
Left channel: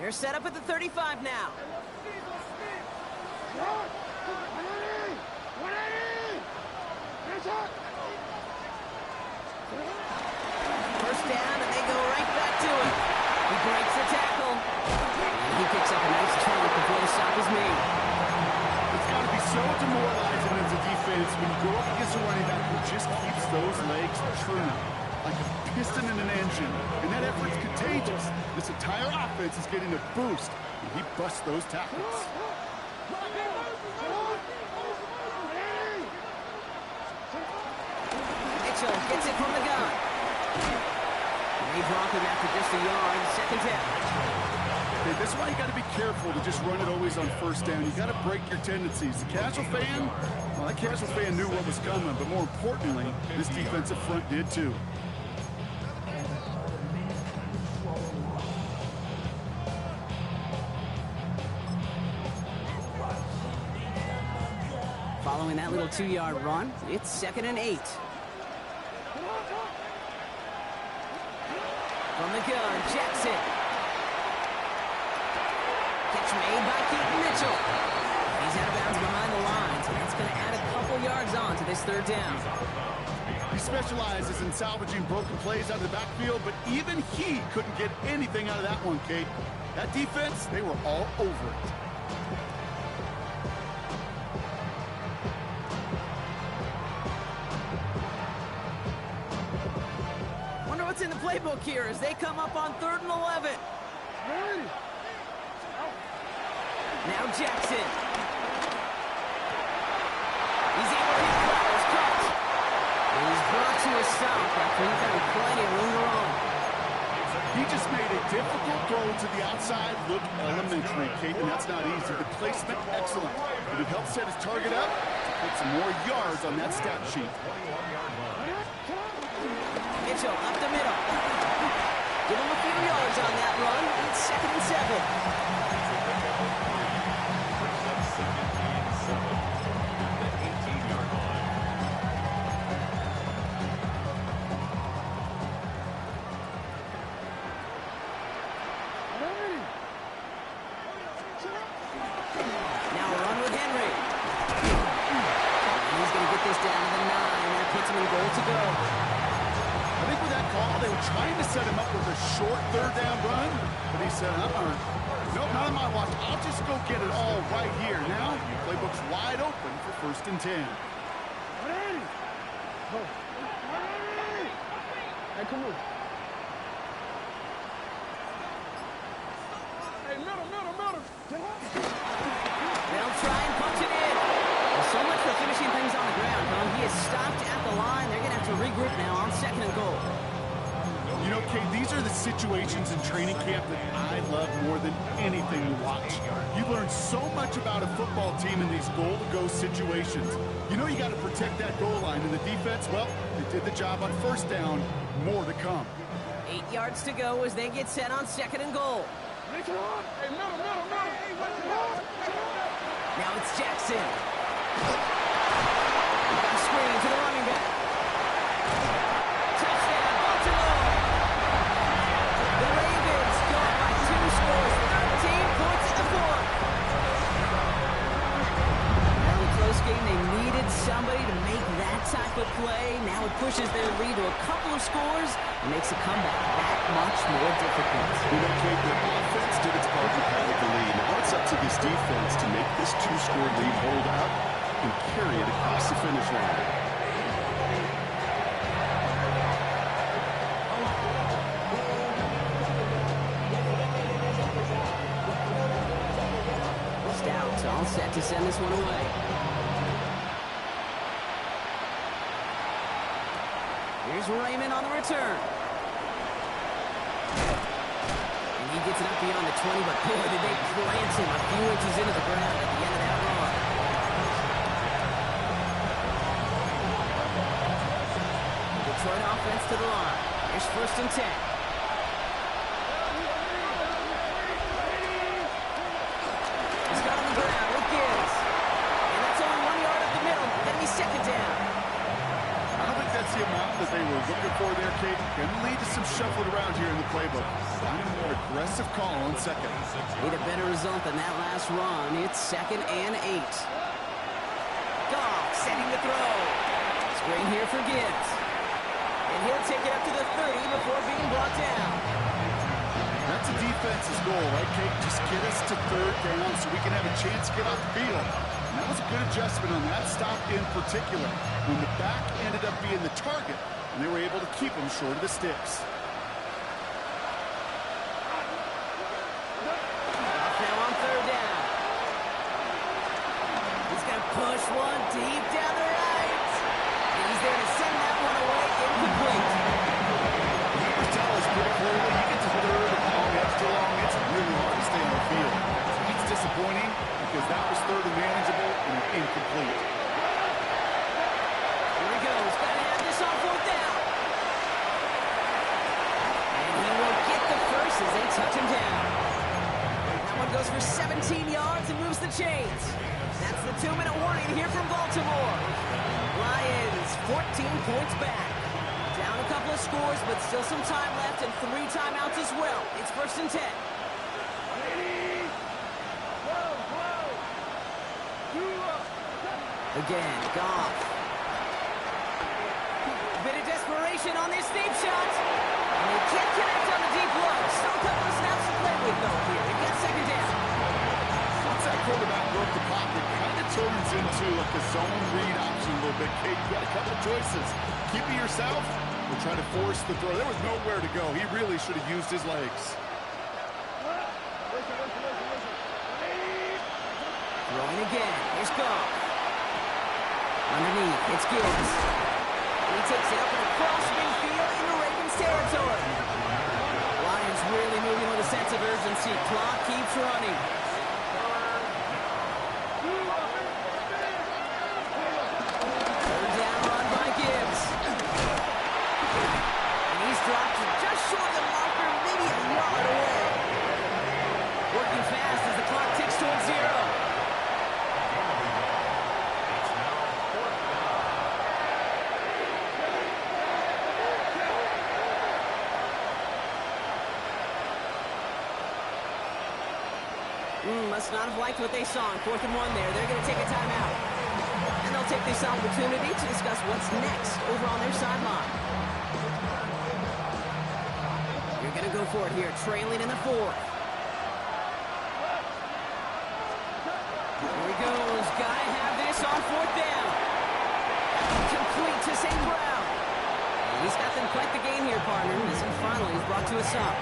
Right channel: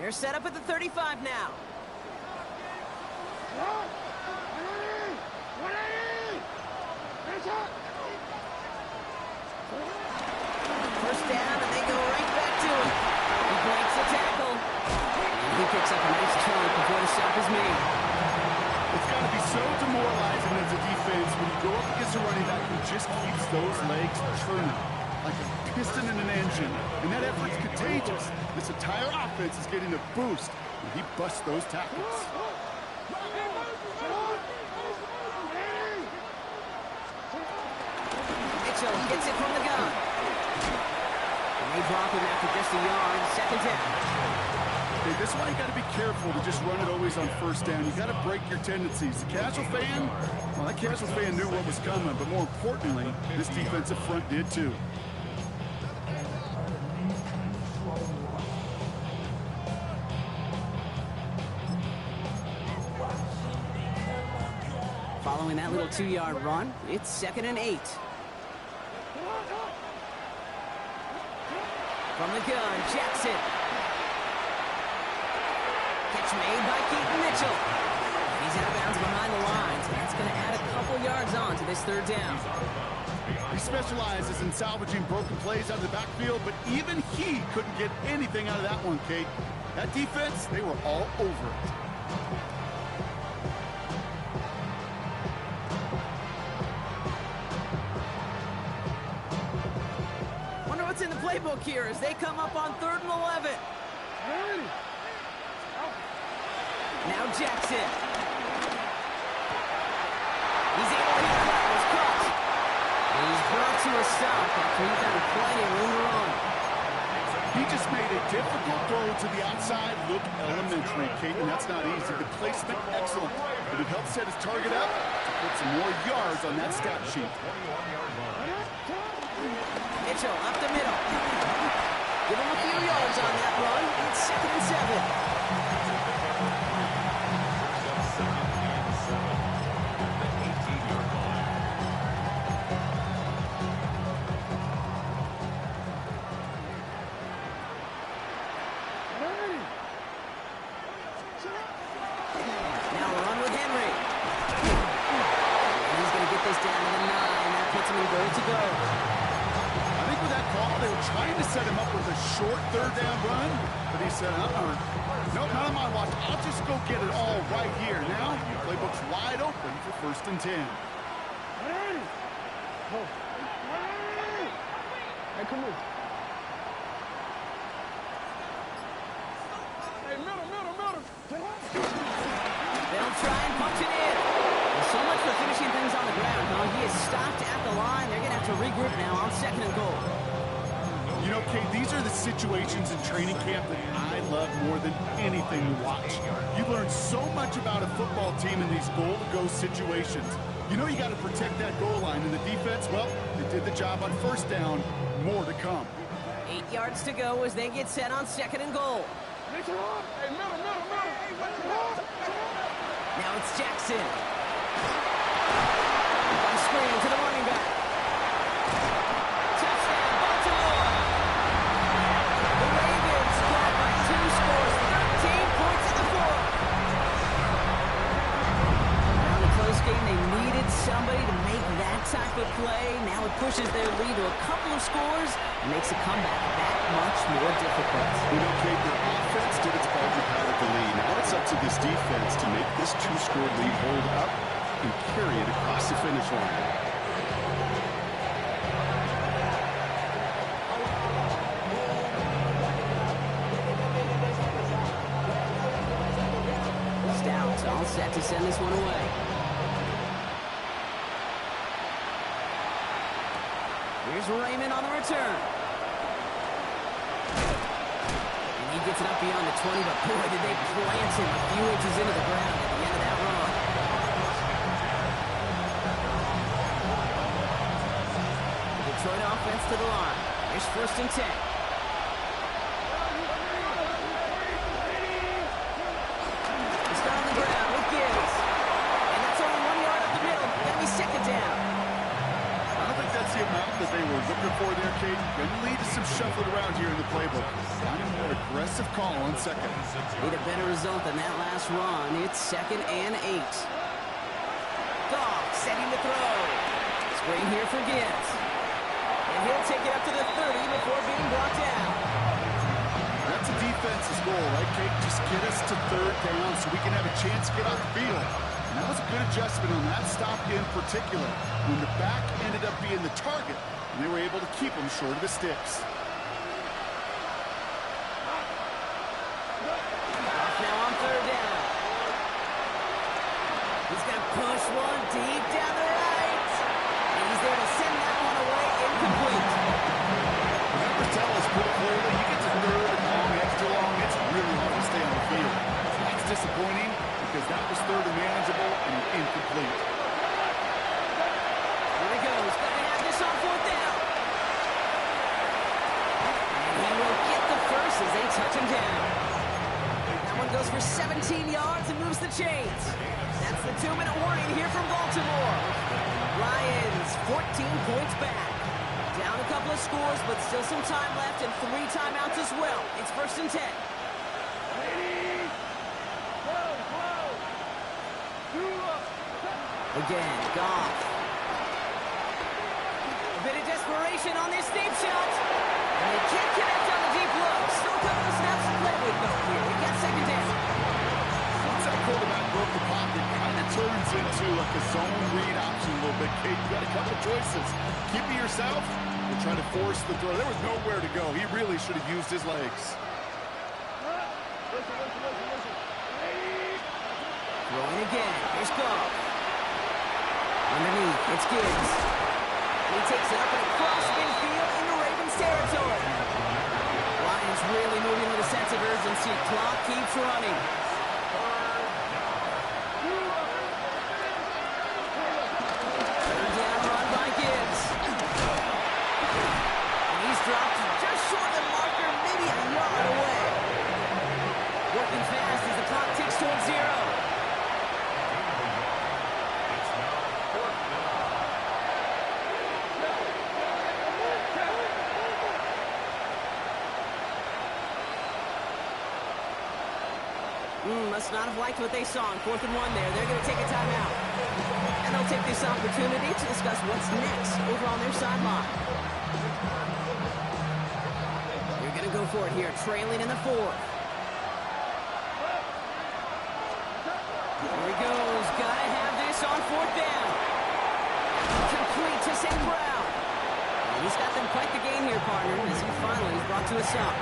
They're set up at the 35 now. First down, and they go right back to him. He breaks the tackle, and he picks up a nice chunk before the stop is made. It's got to be so demoralizing as a defense when you go up against a running back who just keeps those legs turning like a piston in an engine. And that effort's contagious. This entire offense is getting a boost when he busts those tackles. Mitchell gets it from the gun. And they drop him after just a yard. 2nd down. Okay, this is why you got to be careful to just run it always on 1st down. You got to break your tendencies. The casual fan, well, that casual fan knew what was coming, but more importantly, this defensive front did too. Following that little 2-yard run, it's 2nd and 8. From the gun, Jackson. Catch made by Keaton Mitchell. And he's out of bounds behind the lines, and that's going to add a couple yards on to this 3rd down. He specializes in salvaging broken plays out of the backfield, but even he couldn't get anything out of that one, Kate. That defense, they were all over it. Wonder what's in the playbook here as they come up on 3rd and 11. Now Jackson. He's able to hit the was caught. He's brought to a stop after he found plenty of room to run. He just made a difficult throw to the outside look elementary, Kate, and that's not easy. The placement, excellent. But it helped set his target up to put some more yards on that stat sheet. Mitchell up the middle. Give him a few yards on that run. It's 2nd and 7. Brings up 2nd and 7 at the 18-yard line. Now a run with Henry. And he's going to get this down to the 9. That puts him in goal to go. I think with that call, they were trying to set him up with a short 3rd down run, but he said, nope, not on my watch. I'll just go get it all right here. Now, playbook's wide open for 1st and 10. Go. Hey, come on. Hey, middle. They'll try and punch it in. Well, so much for finishing things on the ground, huh? He is stopped at the line. They're going to have to regroup now on 2nd and goal. You know, Kate, these are the situations in training camp that I love more than anything to watch. You learn so much about a football team in these goal-to-go situations. You know you got to protect that goal line, and the defense, well, they did the job on 1st down. More to come. 8 yards to go as they get set on 2nd and goal. Hey, middle. Now it's Jackson. By screen to the running back. Touchdown, Baltimore. The Ravens caught by 2 scores, 13 points in the 4th. Now in a close game, they needed somebody to make that type of play. Now it pushes their lead to a couple of scores and makes a comeback that much more difficult. You know, Kate, their offense did its part to pad the lead. Now it's up to this defense to make this 2-score lead hold up and carry it across the finish line. Stout all set to send this one away. Here's Raymond on the return. And he gets it up beyond the 20, but boy, did they plant him a few inches into the ground at the end of that run. The Detroit offense to the line. Here's 1st and 10. He's got on the ground with Gibbs. And that's only 1 yard up the middle. Gonna be 2nd down. I don't think that's the amount that they were looking for there, Kate. Going to lead to some shuffling around here in the playbook. Find a more aggressive call on 2nd. Need a better result than that last run. It's 2nd and 8. Goff setting the throw. Screen here for Gibbs. And he'll take it up to the 30 before being brought down. That's a defense's goal, right, Kate? Just get us to 3rd down so we can have a chance to get off the field. And that was a good adjustment on that stop in particular, when the back ended up being the target, and they were able to keep him short of the sticks. Goff now on 3rd down. He's going to push one deep down the right. And he's there to send that one away incomplete. The numbers tell us pretty clearly, you get to 3rd and long, extra long, it's really hard to stay on the field. That's disappointing because that was 3rd and manageable and incomplete. Here he goes. Got to have this on 4th down. And he will get the first as they touch him down. That one goes for 17 yards and moves the chains. That's the 2-minute warning here from Baltimore. Lions 14 points back. Down a couple of scores, but still some time left and 3 timeouts as well. It's 1st and 10. Again, Goff. A bit of desperation on this deep shot. And they can't connect on the deep look. Still a couple of snaps to play with, though, here. They got 2nd down. Once that quarterback broke the pocket, it kind of turns into like a zone read option a little bit. Kate, you got a couple of choices. Keep it yourself or try to force the throw. There was nowhere to go. He really should have used his legs. Throwing again. Here's Goff. Underneath, it's Gibbs. He takes it up and across midfield into Ravens territory. Lions really moving with a sense of urgency. Clock keeps running. 3rd down run by Gibbs. And he's dropped just short of the marker, maybe a yard away. Working fast as the clock ticks towards 0. It's now 4th down. Must not have liked what they saw in 4th and 1 there. They're going to take a timeout. And they'll take this opportunity to discuss what's next over on their sideline. You're going to go for it here, trailing in the 4th. Here he goes. Got to have this on 4th down. Complete to St. Brown. And he's got them quite the game here, partner, as he finally is brought to a stop.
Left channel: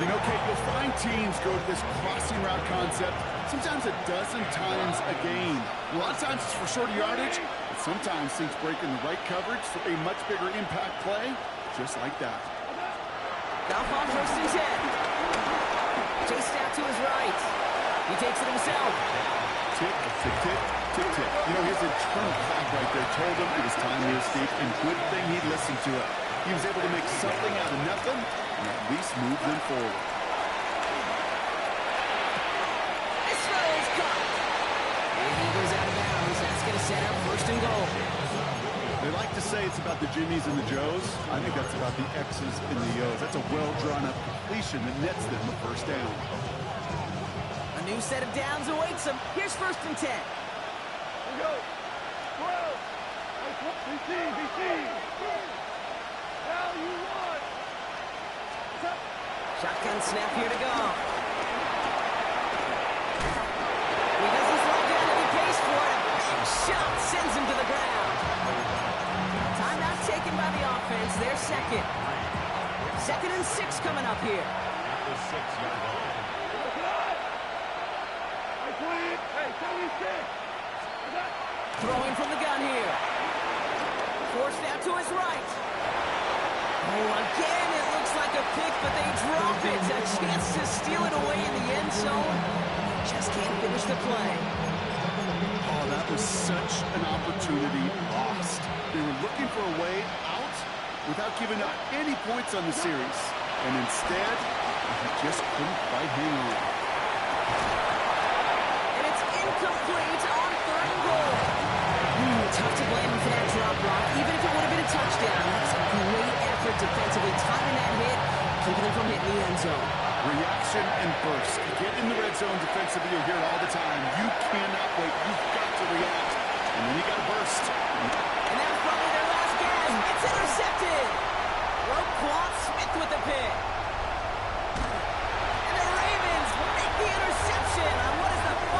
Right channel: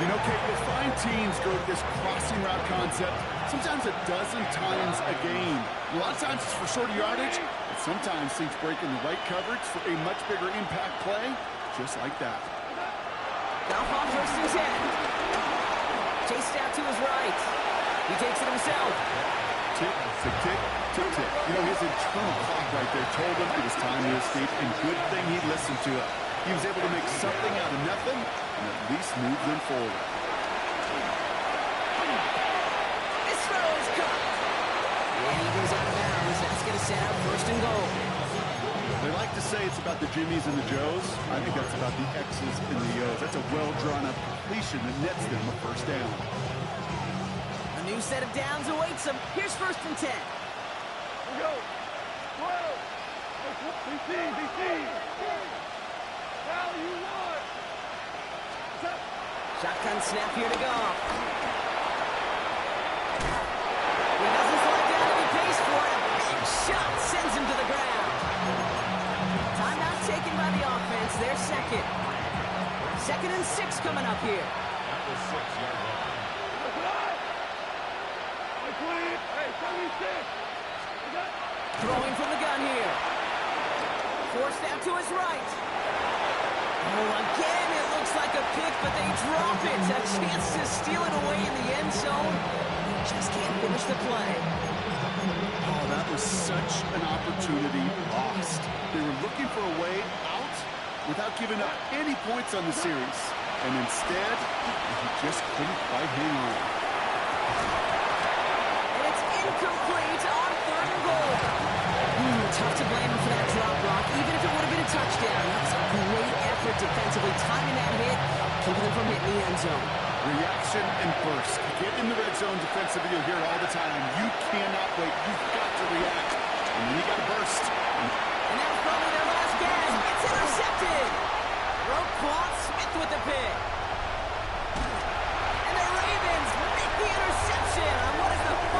You know, Kate, you'll find teams go to this crossing route concept sometimes a dozen times a game. A lot of times it's for shorter yardage, but sometimes things break in the right coverage for a much bigger impact play, just like that. Goff on 1st and 10. Chased out to his right. He takes it himself. Tick, tick, tick, tick, tick. You know, his internal clock right there told him it was time to escape, and good thing he listened to it. He was able to make something out of nothing and at least move them forward. This throw is caught. And he goes out of bounds. That's going to set up 1st and goal. They like to say it's about the Jimmies and the Joes. I think that's about the X's and the O's. That's a well-drawn-up completion that nets them a 1st down. A new set of downs awaits him. Here's 1st and 10. Here we go. 12. BC. Now you want. Shotgun snap here to go. He doesn't slide down if he pays for it. A big shot sends him to the ground. Timeout taken by the offense. Their second. 2nd and 6 coming up here. At the 6-yard line. Hey, 76. Throwing from the gun here. Forced out to his right. Oh, again, it looks like a pick, but they drop it. A chance to steal it away in the end zone. Just can't finish the play. Oh, that was such an opportunity lost. They were looking for a way out without giving up any points on the series. And instead, he just couldn't quite hang on. And it's incomplete on 3rd and goal. Tough to blame him for that drop block, even if it would have been a touchdown. That was a great effort defensively, timing that hit, keeping them from hitting the end zone. Reaction and burst. You get in the red zone defensively, you'll hear it all the time. You cannot wait. You've got to react. And then you got to burst. And that was probably their last gasp. It's intercepted. Roquan Smith with the pick.